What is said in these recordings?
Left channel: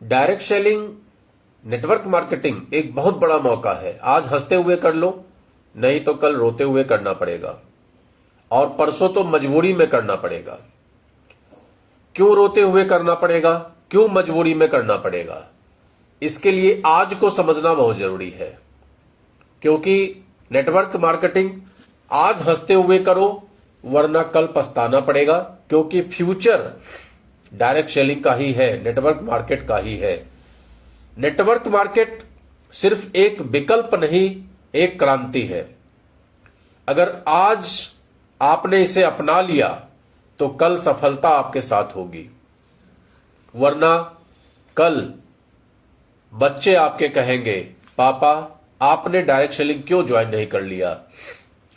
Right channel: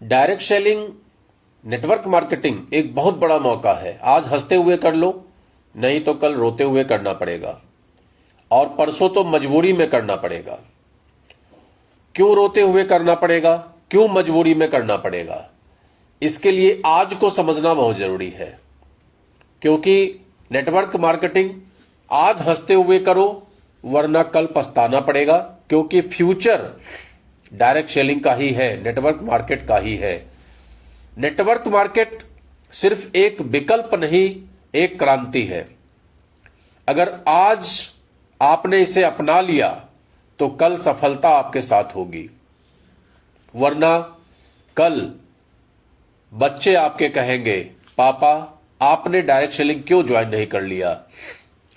Direct selling, network marketing एक बहुत बड़ा मौका है। आज हंसते हुए कर लो, नहीं तो कल रोते हुए करना पड़ेगा, और परसों तो मजबूरी में करना पड़ेगा। क्यों रोते हुए करना पड़ेगा, क्यों मजबूरी में करना पड़ेगा? इसके लिए आज को समझना बहुत जरूरी है, क्योंकि नेटवर्क मार्केटिंग आज हंसते हुए करो, वरना कल पछताना पड़ेगा। क्योंकि फ्यूचर डायरेक्ट सेलिंग का ही है, नेटवर्क मार्केट का ही है। नेटवर्क मार्केट सिर्फ एक विकल्प नहीं, एक क्रांति है। अगर आज आपने इसे अपना लिया तो कल सफलता आपके साथ होगी, वरना कल बच्चे आपके कहेंगे, पापा आपने डायरेक्ट सेलिंग क्यों ज्वाइन नहीं कर लिया?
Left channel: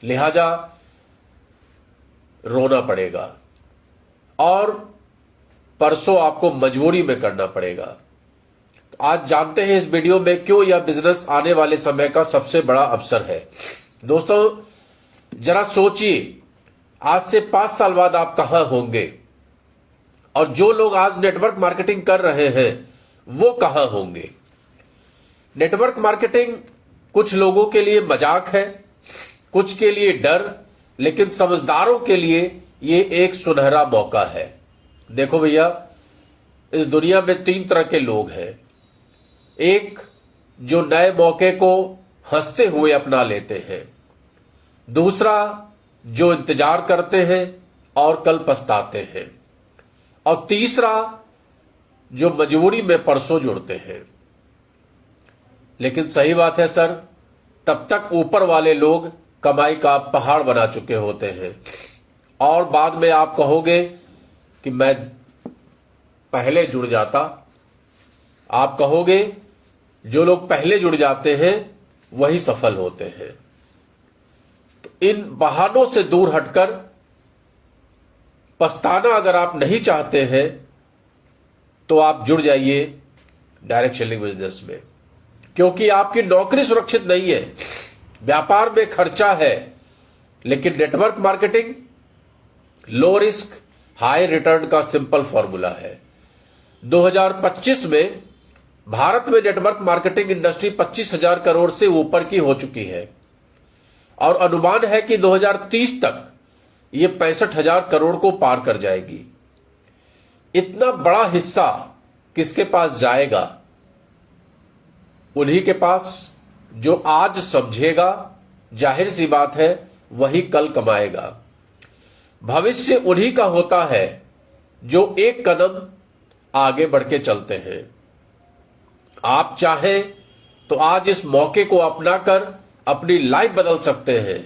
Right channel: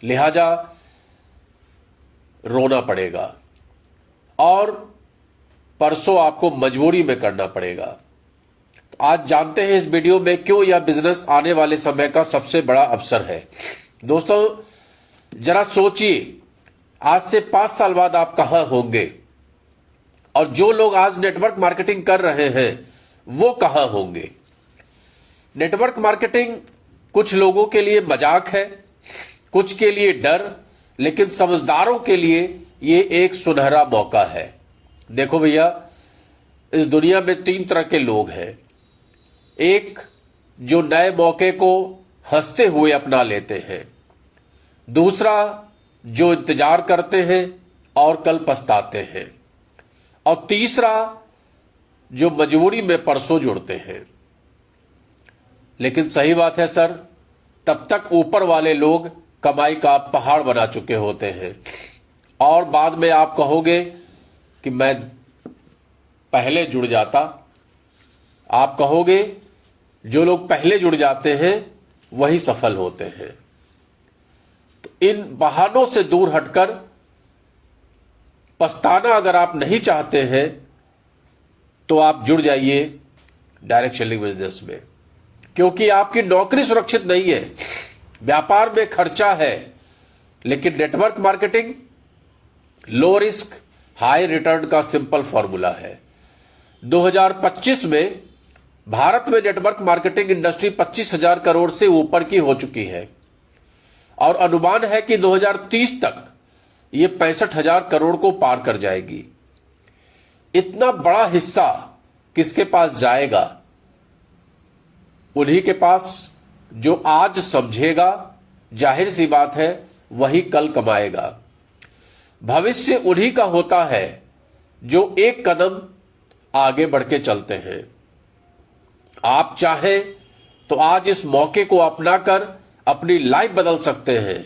लिहाजा रोना पड़ेगा और परसों आपको मजबूरी में करना पड़ेगा। तो आज जानते हैं इस वीडियो में क्यों यह बिजनेस आने वाले समय का सबसे बड़ा अवसर है। दोस्तों जरा सोचिए, आज से 5 साल बाद आप कहां होंगे, और जो लोग आज नेटवर्क मार्केटिंग कर रहे हैं वो कहां होंगे। नेटवर्क मार्केटिंग कुछ लोगों के लिए मजाक है, कुछ के लिए डर, लेकिन समझदारों के लिए ये एक सुनहरा मौका है। देखो भैया, इस दुनिया में 3 तरह के लोग हैं। एक जो नए मौके को हंसते हुए अपना लेते हैं, दूसरा जो इंतजार करते हैं और कल पछताते हैं, और तीसरा जो मजबूरी में परसों जुड़ते हैं। लेकिन सही बात है सर, तब तक ऊपर वाले लोग कमाई का पहाड़ बना चुके होते हैं, और बाद में आप कहोगे कि मैं पहले जुड़ जाता। आप कहोगे जो लोग पहले जुड़ जाते हैं वही सफल होते हैं। तो इन बहानों से दूर हटकर पछताना अगर आप नहीं चाहते हैं तो आप जुड़ जाइए डायरेक्ट सेलिंग बिजनेस में, क्योंकि आपकी नौकरी सुरक्षित नहीं है, व्यापार में खर्चा है। लेकिन network marketing low risk high return का सिंपल फॉर्मूला है। 2025 में भारत में नेटवर्क मार्केटिंग इंडस्ट्री 25,000 करोड़ से ऊपर की हो चुकी है, और अनुमान है कि 2030 तक ये 65,000 करोड़ को पार कर जाएगी। इतना बड़ा हिस्सा किसके पास जाएगा? उन्हीं के पास जो आज समझेगा, जाहिर सी बात है वही कल कमाएगा। भविष्य उन्हीं का होता है जो एक कदम आगे बढ़ के चलते हैं। आप चाहें तो आज इस मौके को अपनाकर अपनी लाइफ बदल सकते हैं,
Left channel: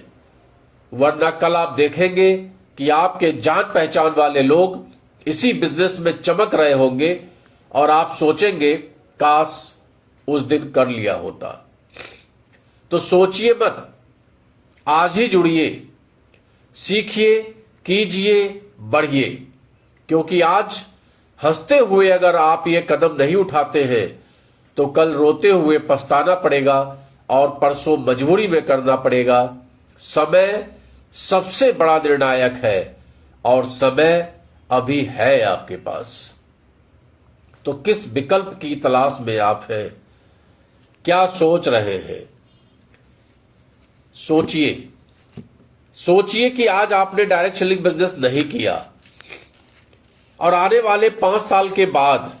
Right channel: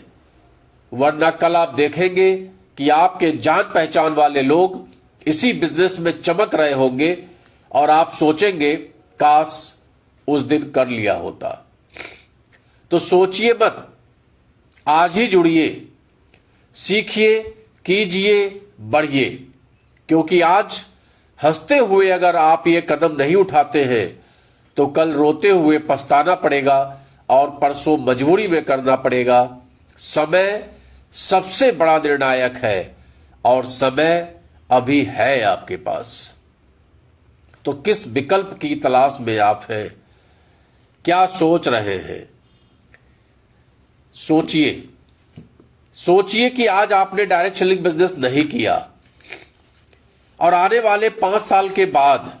वरना कल आप देखेंगे कि आपके जान पहचान वाले लोग इसी बिजनेस में चमक रहे होंगे, और आप सोचेंगे काश उस दिन कर लिया होता। तो सोचिए मत, आज ही जुड़िए, सीखिए, कीजिए, बढ़िए। क्योंकि आज हंसते हुए अगर आप ये कदम नहीं उठाते हैं तो कल रोते हुए पछताना पड़ेगा, और परसों मजबूरी में करना पड़ेगा। समय सबसे बड़ा निर्णायक है, और समय अभी है आपके पास। तो किस विकल्प की तलाश में आप हैं? क्या सोच रहे हैं? सोचिए, सोचिए कि आज आपने डायरेक्ट सेलिंग बिजनेस नहीं किया, और आने वाले 5 साल के बाद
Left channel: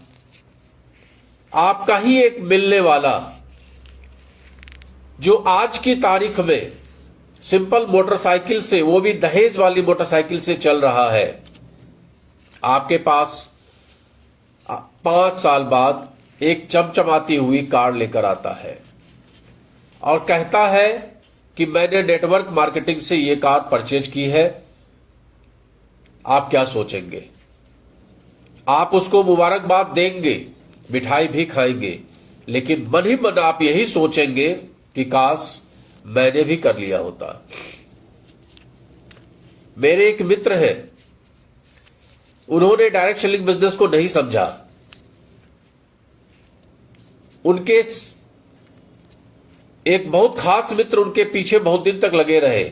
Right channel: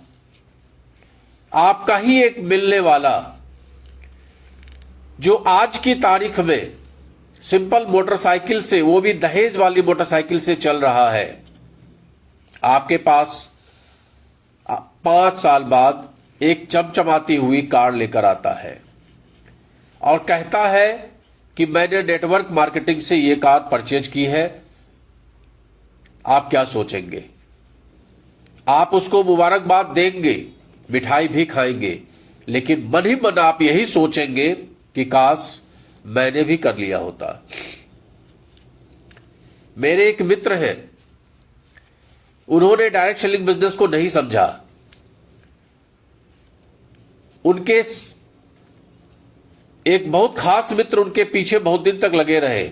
आपका ही एक मिलने वाला, जो आज की तारीख में सिंपल मोटरसाइकिल से, वो भी दहेज वाली मोटरसाइकिल से चल रहा है, आपके पास 5 साल बाद एक चमचमाती हुई कार लेकर आता है और कहता है कि मैंने नेटवर्क मार्केटिंग से ये कार परचेज की है। आप क्या सोचेंगे? आप उसको मुबारकबाद देंगे, मिठाई भी खाएंगे, लेकिन मन ही मन आप यही सोचेंगे कि काश मैंने भी कर लिया होता। मेरे एक मित्र हैं, उन्होंने डायरेक्ट सेलिंग बिजनेस को नहीं समझा। उनके एक बहुत खास मित्र उनके पीछे बहुत दिन तक लगे रहे,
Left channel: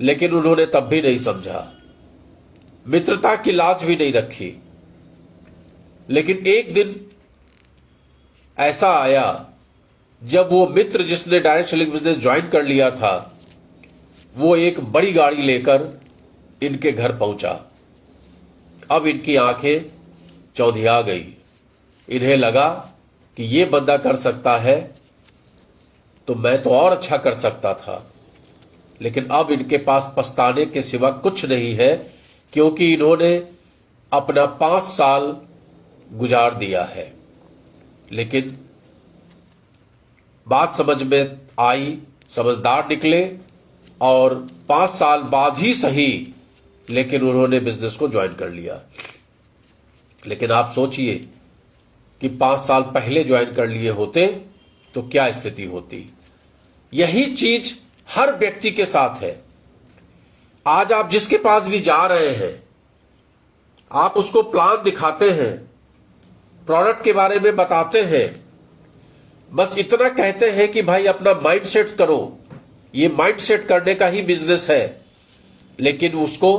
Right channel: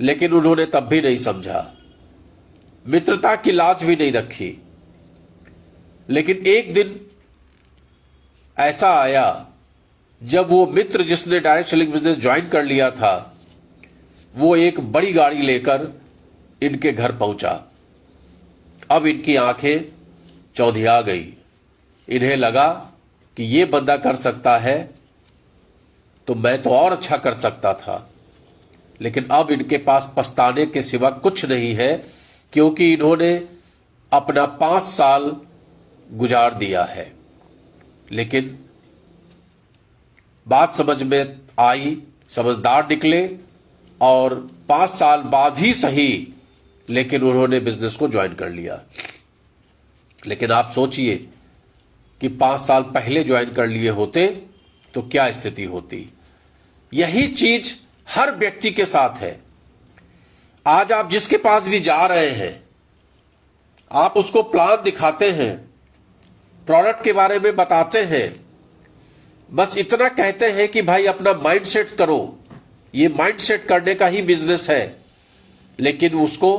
लेकिन उन्होंने तब भी नहीं समझा, मित्रता की लाज भी नहीं रखी। लेकिन एक दिन ऐसा आया जब वो मित्र जिसने डायरेक्ट सेलिंग बिजनेस ज्वाइन कर लिया था वो एक बड़ी गाड़ी लेकर इनके घर पहुंचा। अब इनकी आंखें चौंधिया गई। इन्हें लगा कि ये बंदा कर सकता है तो मैं तो और अच्छा कर सकता था। लेकिन अब इनके पास पछताने के सिवा कुछ नहीं है, क्योंकि इन्होंने अपना 5 साल गुजार दिया है। लेकिन बात समझ में आई, समझदार निकले और 5 साल बाद ही सही, लेकिन उन्होंने बिजनेस को ज्वाइन कर लिया। लेकिन आप सोचिए कि 5 साल पहले ज्वाइन कर लिए होते तो क्या स्थिति होती। यही चीज हर व्यक्ति के साथ है। आज आप जिसके पास भी जा रहे हैं, आप उसको प्लान दिखाते हैं, प्रोडक्ट के बारे में बताते हैं, बस इतना कहते हैं कि भाई अपना माइंड सेट करो, ये माइंड सेट करने का ही बिजनेस है। लेकिन उसको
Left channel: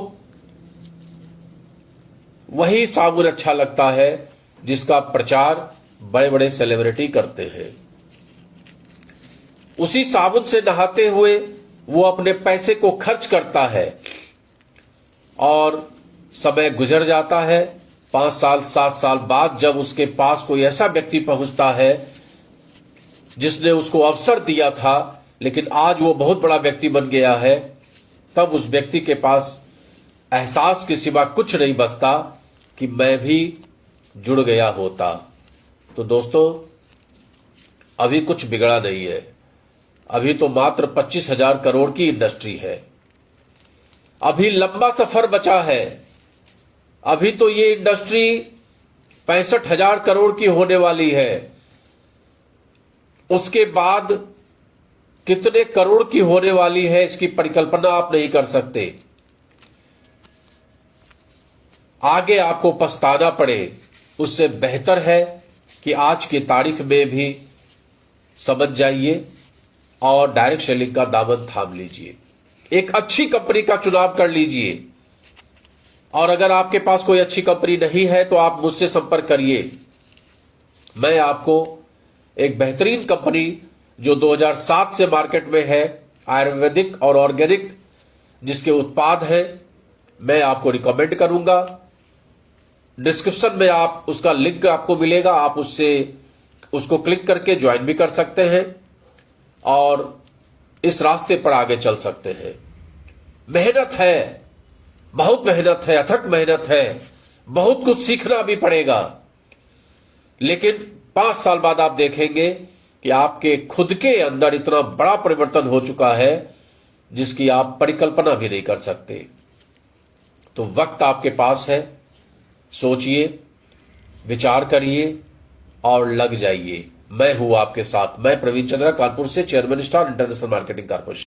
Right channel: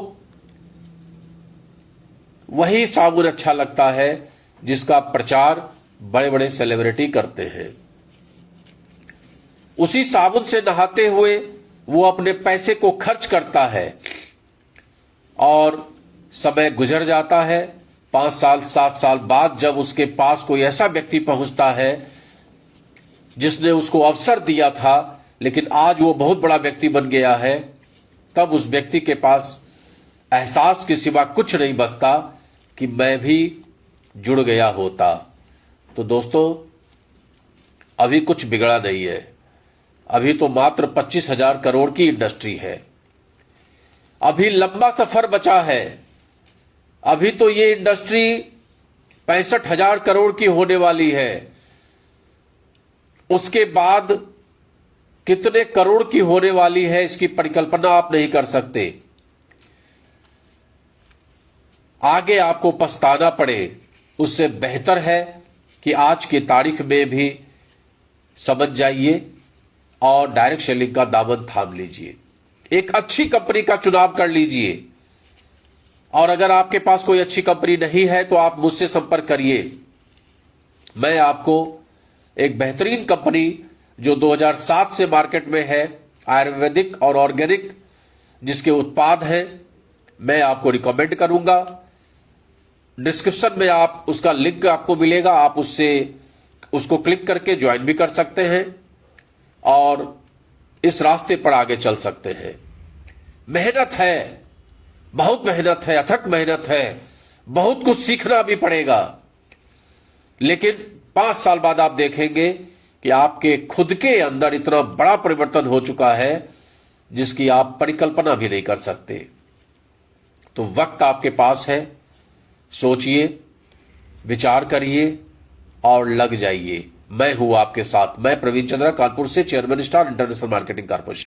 वही साबुन अच्छा लगता है जिसका प्रचार बड़े बड़े सेलिब्रिटी करते हैं। उसी साबुन से नहाते हुए वो अपने पैसे को खर्च करता है और समय गुजर जाता है। 5 साल 7 साल बाद जब उसके पास कोई ऐसा व्यक्ति पहुंचता है जिसने उसको अवसर दिया था, लेकिन आज वो बहुत बड़ा व्यक्ति बन गया है, तब उस व्यक्ति के पास एहसास के सिवा कुछ नहीं बचता कि मैं भी जुड़ गया होता। तो दोस्तों, अभी कुछ बिगड़ा नहीं है। अभी तो मात्र 25,000 करोड़ की इंडस्ट्री है। अभी लंबा सफर बचा है। अभी तो ये इंडस्ट्री 65,000 करोड़ की होने वाली है। उसके बाद कितने करोड़ की होने वाली है, इसकी परिकल्पना आप नहीं कर सकते। आगे आपको पछताना पड़े, उससे बेहतर है कि आज की तारीख में भी समझ जाइए और डायरेक्ट सेलिंग का दामन थाम लीजिए। एक अच्छी कंपनी का चुनाव कर लीजिए। और अगर आपके पास कोई अच्छी कंपनी नहीं है तो आप मुझसे संपर्क करिए। मैं आपको एक बेहतरीन कंपनी जो 2007 से मार्केट में है, आयुर्वेदिक और ऑर्गेनिक जिसके उत्पाद हैं, मैं आपको रिकमेंड करूंगा। डिस्क्रिप्शन में आप उसका लिंक आपको मिलेगा, आप उसको क्लिक करके ज्वाइन भी कर सकते हैं और इस रास्ते पर आगे चल सकते हैं। मेहनत है, बहुत मेहनत है, अथक मेहनत है, बहुत कुछ सीखना भी पड़ेगा। लेकिन 5 साल बाद आप देखेंगे कि आपके खुद के अंदर इतना बड़ा परिवर्तन हो चुका है जिसकी आप परिकल्पना भी नहीं कर सकते। तो वक्त आपके पास है, सोचिए, विचार करिए और लग जाइए। मैं हूं आपके साथ। मैं प्रवीण चंद्रा, कानपुर से, chairman star international marketing corporation.